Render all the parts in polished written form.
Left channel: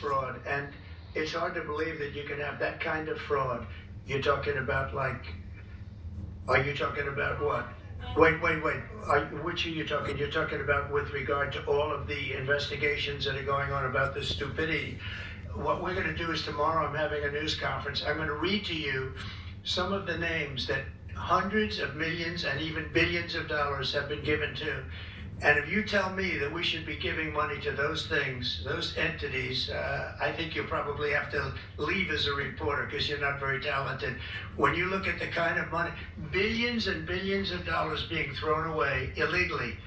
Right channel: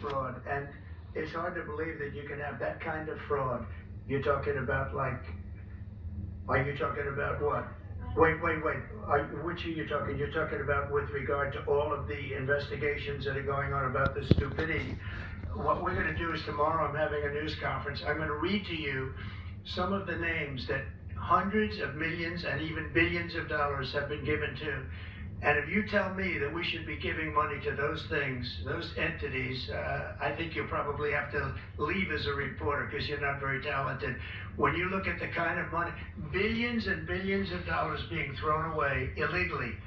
fraud, and it's hard to believe that you can have that kind of fraud. You're talking about like, are you talking about what? Wait. Which are you talking? You're talking about with regard to all of the investigations that are going on about this stupidity. What we're going to do is tomorrow I'm having a news conference. I'm going to read to you some of the names that hundreds of millions and even billions of dollars have been given to. And if you tell me that we should be giving money to those things, those entities, I think you'll probably have to leave as a reporter because you're not very talented. When you look at the kind of money, billions and billions of dollars being thrown away illegally,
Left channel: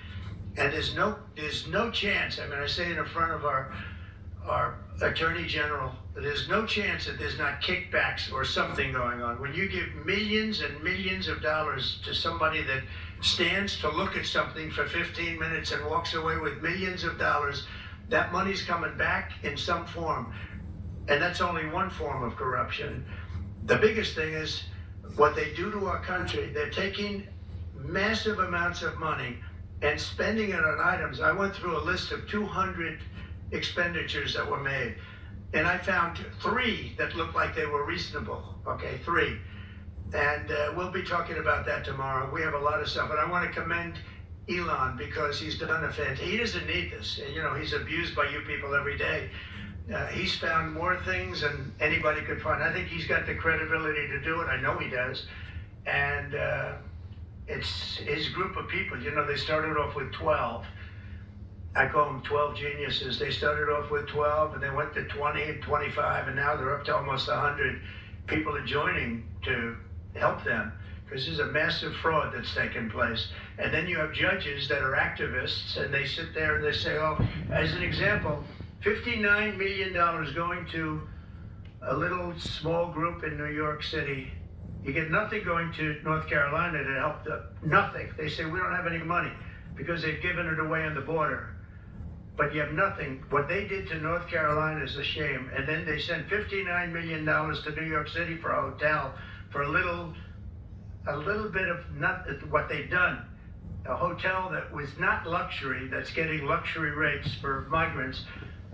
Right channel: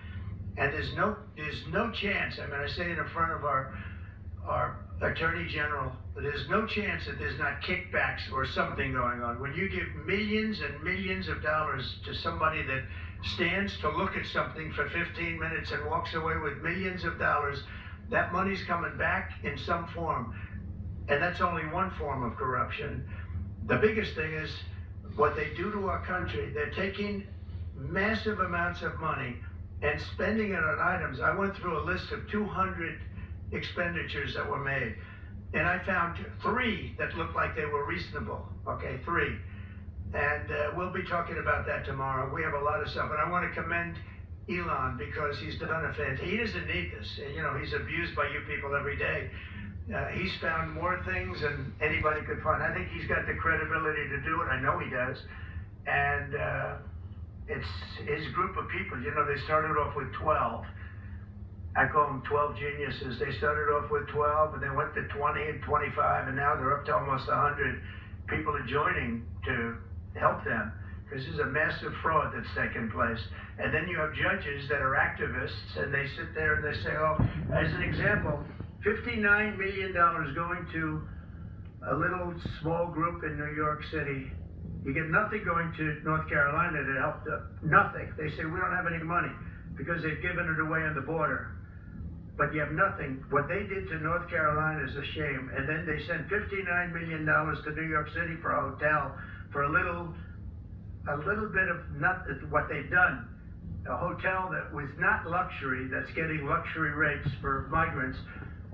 and there's no chance. I mean, I say it in front of our Attorney General, there's no chance that there's not kickbacks or something going on. When you give millions and millions of dollars to somebody that stands to look at something for 15 minutes and walks away with millions of dollars, that money's coming back in some form. And that's only one form of corruption. The biggest thing is what they do to our country. They're taking massive amounts of money and spending it on items. I went through a list of 200 expenditures that were made, and I found 3 that looked like they were reasonable. Okay, 3. And we'll be talking about that tomorrow. We have a lot of stuff, and I want to commend Elon because he's done a fantastic. He doesn't need this. You know, he's abused by you people every day. He's found more things than anybody could find. I think he's got the credibility to do it. I know he does. And it's his group of people. You know, they started off with 12. I call them 12 geniuses. They started off with 12, and they went to 20 and 25, and now they're up to almost 100. People are joining to help them because there's a massive fraud that's taken place. And then you have judges that are activists, and they sit there and they say, oh, as an example, $59 million going to a little small group in New York City. You get nothing going to North Carolina to help them. Nothing. They say, we don't have any money because they've given it away on the border. But you have nothing. What they did to North Carolina is a shame. And then they sent $59 million to New York City for a hotel for a little bit of what they've done. A hotel that was not luxury, that's getting luxury rates for migrants,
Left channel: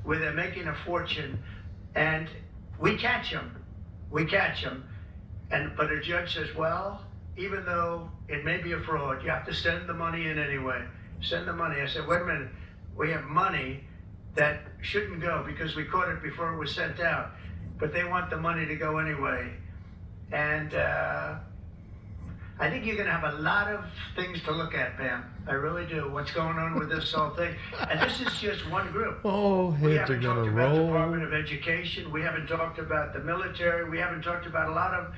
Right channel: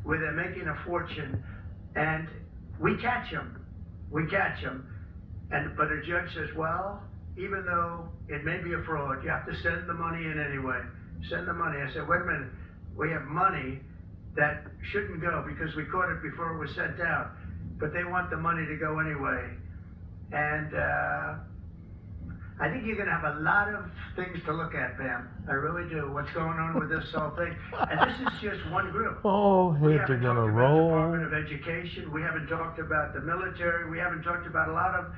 where they're making a fortune. And we catch them. But a judge says, well, even though it may be a fraud, you have to send the money in anyway. Send the money. I said, wait a minute. We have money that shouldn't go because we caught it before it was sent out, but they want the money to go anyway. And I think you're going to have a lot of things to look at, Pam. I really do. What's going on with this whole thing? And this is just one group. Oh, heads are going to roll. The Department of Education. We haven't talked about the military. We haven't talked about a lot of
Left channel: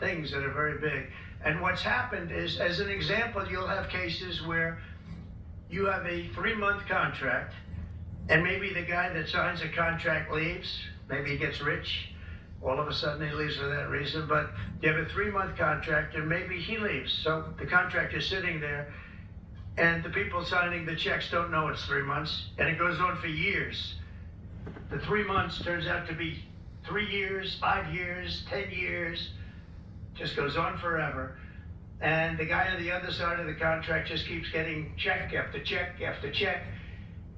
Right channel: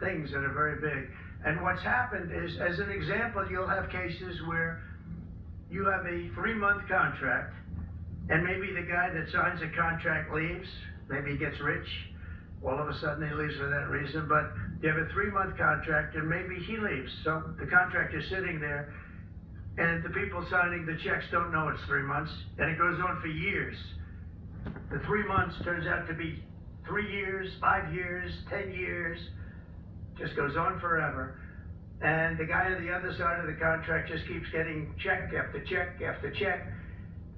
things that are very big. And what's happened is, as an example, you'll have cases where you have a 3-month contract, and maybe the guy that signs the contract leaves. Maybe he gets rich. All of a sudden he leaves for that reason. But you have a 3-month contract, and maybe he leaves. So the contract is sitting there, and the people signing the checks don't know it's 3 months, and it goes on for years. The 3 months turns out to be 3 years, 5 years, 10 years. Just goes on forever. And the guy on the other side of the contract just keeps getting check after check after check,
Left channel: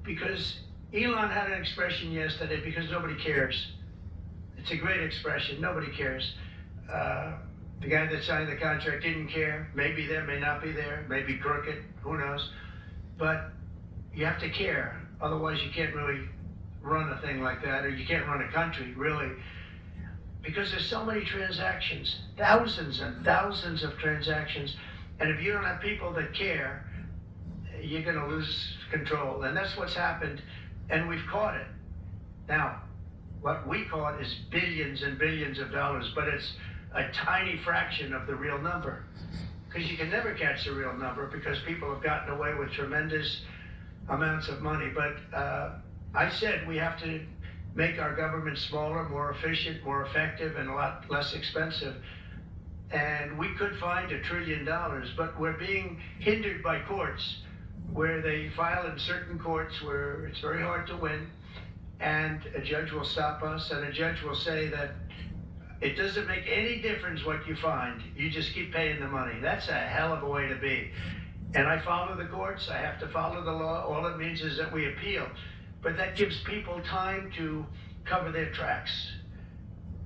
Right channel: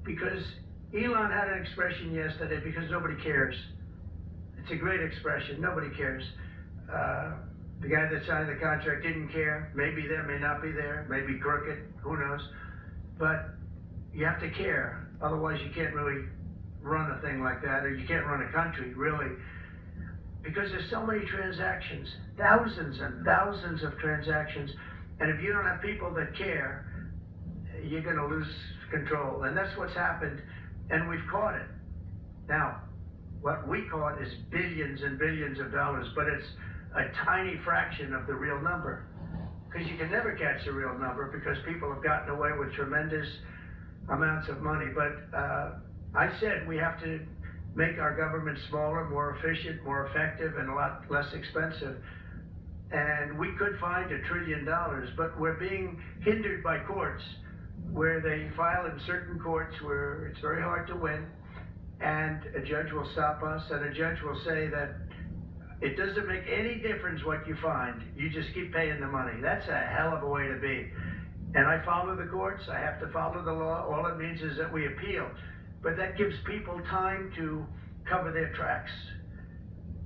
because Elon had an expression yesterday, because nobody cares. It's a great expression, nobody cares. The guy that signed the contract didn't care. Maybe there, may not be there, maybe crooked, who knows. But you have to care, otherwise you can't really run a thing like that, or you can't run a country, really. Because there's so many transactions, thousands and thousands of transactions. And if you don't have people that care, you're going to lose control. And that's what's happened. And we've caught it. Now, what we caught is billions and billions of dollars, but it's a tiny fraction of the real number. Because you can never catch the real number, because people have gotten away with tremendous amounts of money. But I said we have to make our government smaller, more efficient, more effective, and a lot less expensive. And we could find $1 trillion, but we're being hindered by courts, where they file in certain courts where it's very hard to win, and a judge will stop us, and a judge will say that it doesn't make any difference what you find, you just keep paying the money. That's a hell of a way to be. And I follow the courts, I have to follow the law. All it means is that we appeal. But that gives people time to cover their tracks.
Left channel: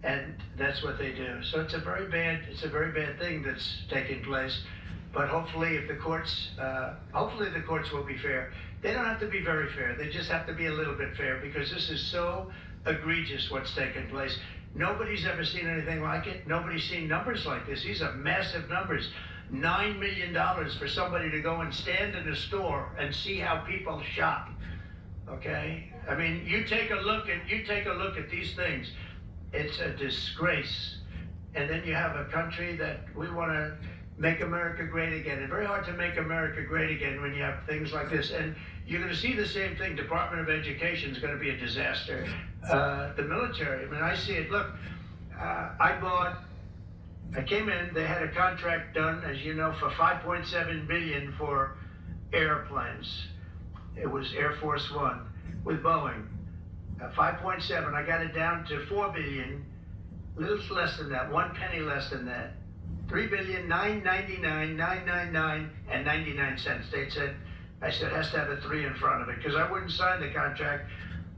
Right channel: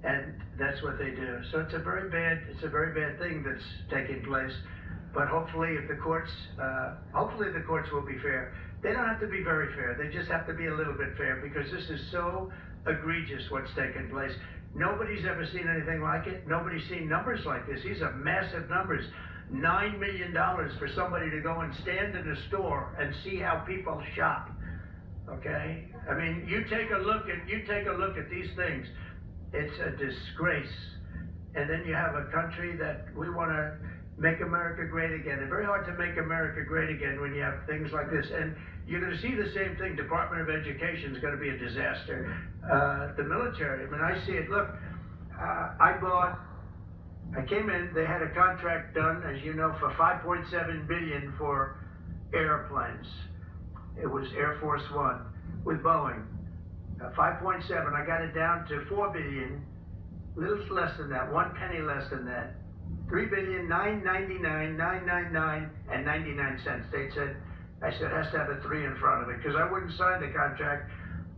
And that's what they do. So it's a very bad thing that's taking place. But hopefully the courts will be fair. They don't have to be very fair. They just have to be a little bit fair, because this is so egregious what's taking place. Nobody's ever seen anything like it. Nobody's seen numbers like this. These are massive numbers. $9 million for somebody to go and stand in a store and see how people shop. Okay? I mean, you take a look at these things. It's a disgrace. And then you have a country that we want to make America great again. It's very hard to make America great again when you have things like this. And you're going to see the same thing. Department of Education is going to be a disaster. The military, I mean, I see it. Look, I came in, they had a contract done, as you know, for $5.7 billion for airplanes. It was Air Force One with Boeing. 5.7, I got it down to $4 billion, little less than that, 1 penny less than that. $3,999,999 and 99 cents. I said, it has to have a 3 in front of it, because I wouldn't sign the contract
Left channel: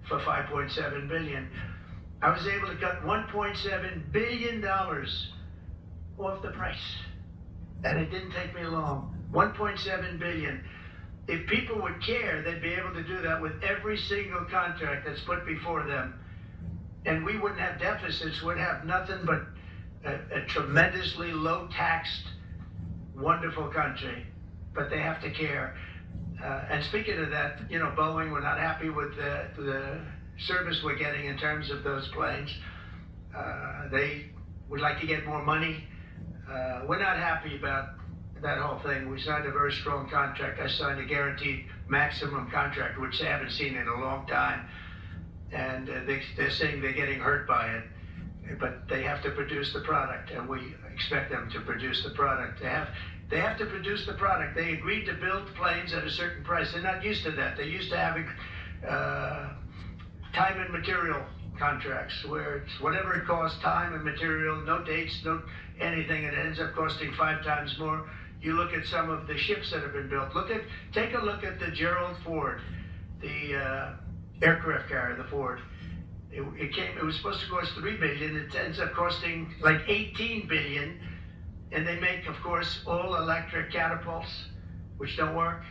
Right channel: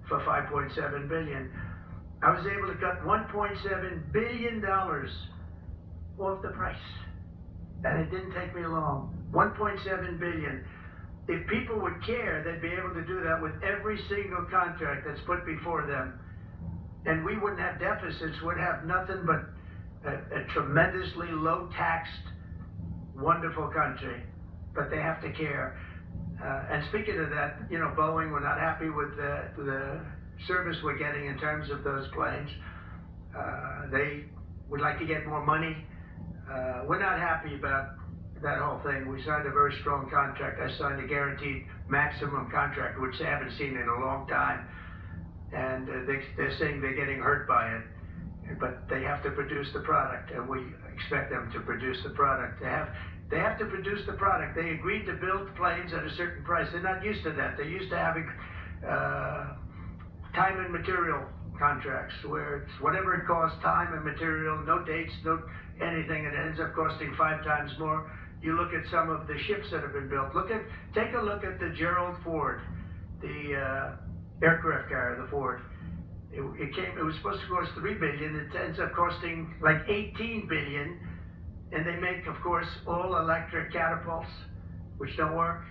for $5.7 billion. I was able to cut $1.7 billion off the price. And it didn't take me long. $1.7 billion. If people would care, they'd be able to do that with every single contract that's put before them. And we wouldn't have deficits, we'd have nothing but a tremendously low-taxed, wonderful country. But they have to care. And speaking of that, you know, Boeing, we're not happy with the service we're getting in terms of those planes. They would like to get more money. We're not happy about that whole thing. We signed a very strong contract. I signed a guaranteed maximum contract, which they haven't seen in a long time. And they're saying they're getting hurt by it. But they have to produce the product, and we expect them to produce the product. They have to produce the product. They agreed to build planes at a certain price. They're not used to that. They're used to having time and material contracts, where it's whatever it costs, time and material, no dates, no anything, and it ends up costing 5 times more. You look at some of the ships that have been built. Take a look at the Gerald Ford, the aircraft carrier, the Ford. It was supposed to cost $3 billion. It ends up costing like $18 billion. And they make, of course, all electric catapults, which don't work.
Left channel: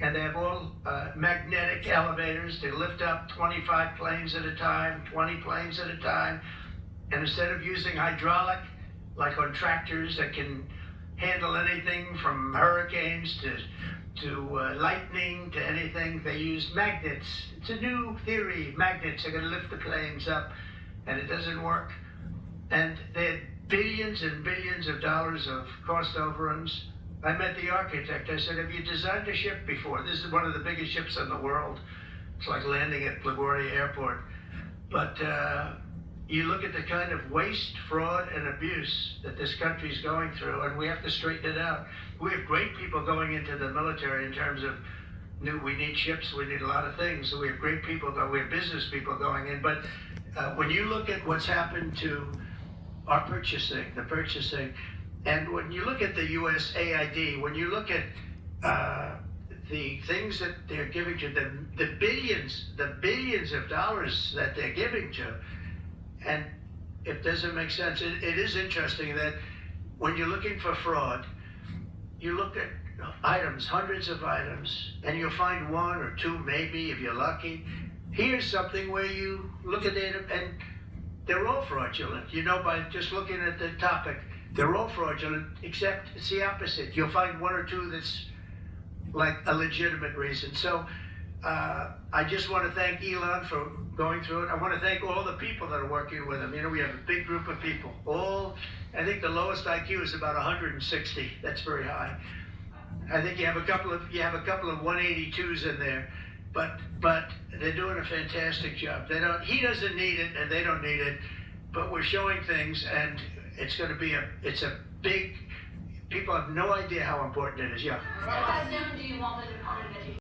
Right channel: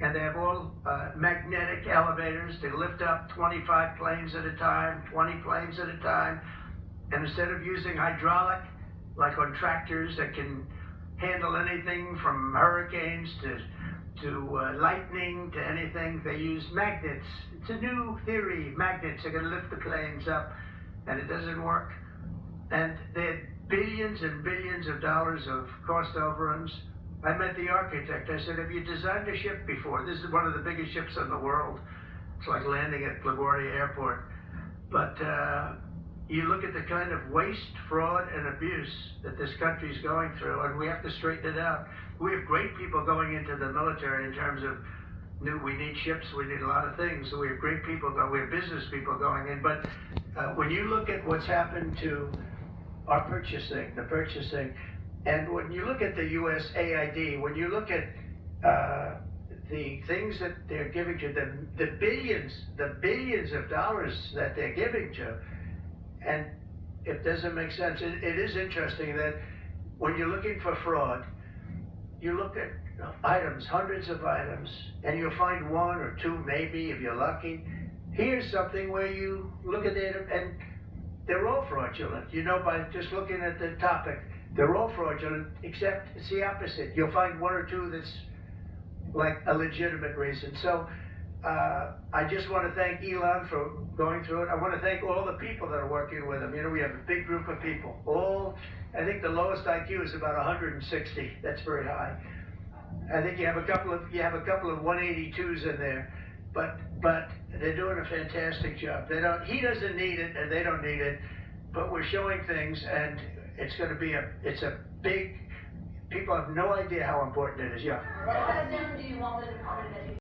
And they have all magnetic elevators to lift up 25 planes at a time, 20 planes at a time. And instead of using hydraulic, like on tractors that can handle anything from hurricanes to lightning to anything, they use magnets. It's a new theory. Magnets are going to lift the planes up, and it doesn't work. And they had billions and billions of dollars of cost overruns. I met the architect. I said, have you designed a ship before? This is one of the biggest ships in the world. It's like landing at LaGuardia Airport. But you look at the kind of waste, fraud, and abuse that this country's going through, and we have to straighten it out. We have great people going into the military in terms of we need ships, we need a lot of things. So we have great people, we have business people going in. But when you look at what's happened to our purchasing, and when you look at the USAID, when you look at the things that they're giving to them, the billions of dollars that they're giving to, and it doesn't make sense. It is interesting that when you're looking for fraud, you look at items, hundreds of items, and you'll find 1 or 2 maybe if you're lucky. Here's something where you look at it and they're all fraudulent. You know, by just looking at the topic, they're all fraudulent, except it's the opposite. You'll find 1 or 2 that's like a legitimate reason. So I just want to thank Elon for going through it. I want to thank all the people that are working with him. You know, we have a big group of people. I think the lowest IQ is about 160. That's very high. I think you have a couple of 182s in there, but they're doing a fantastic job. He doesn't need it, and they don't need it, but we're showing things, and it's going to be it's a big. People have no idea how important it is. Yeah. What do you want with the Department of Education?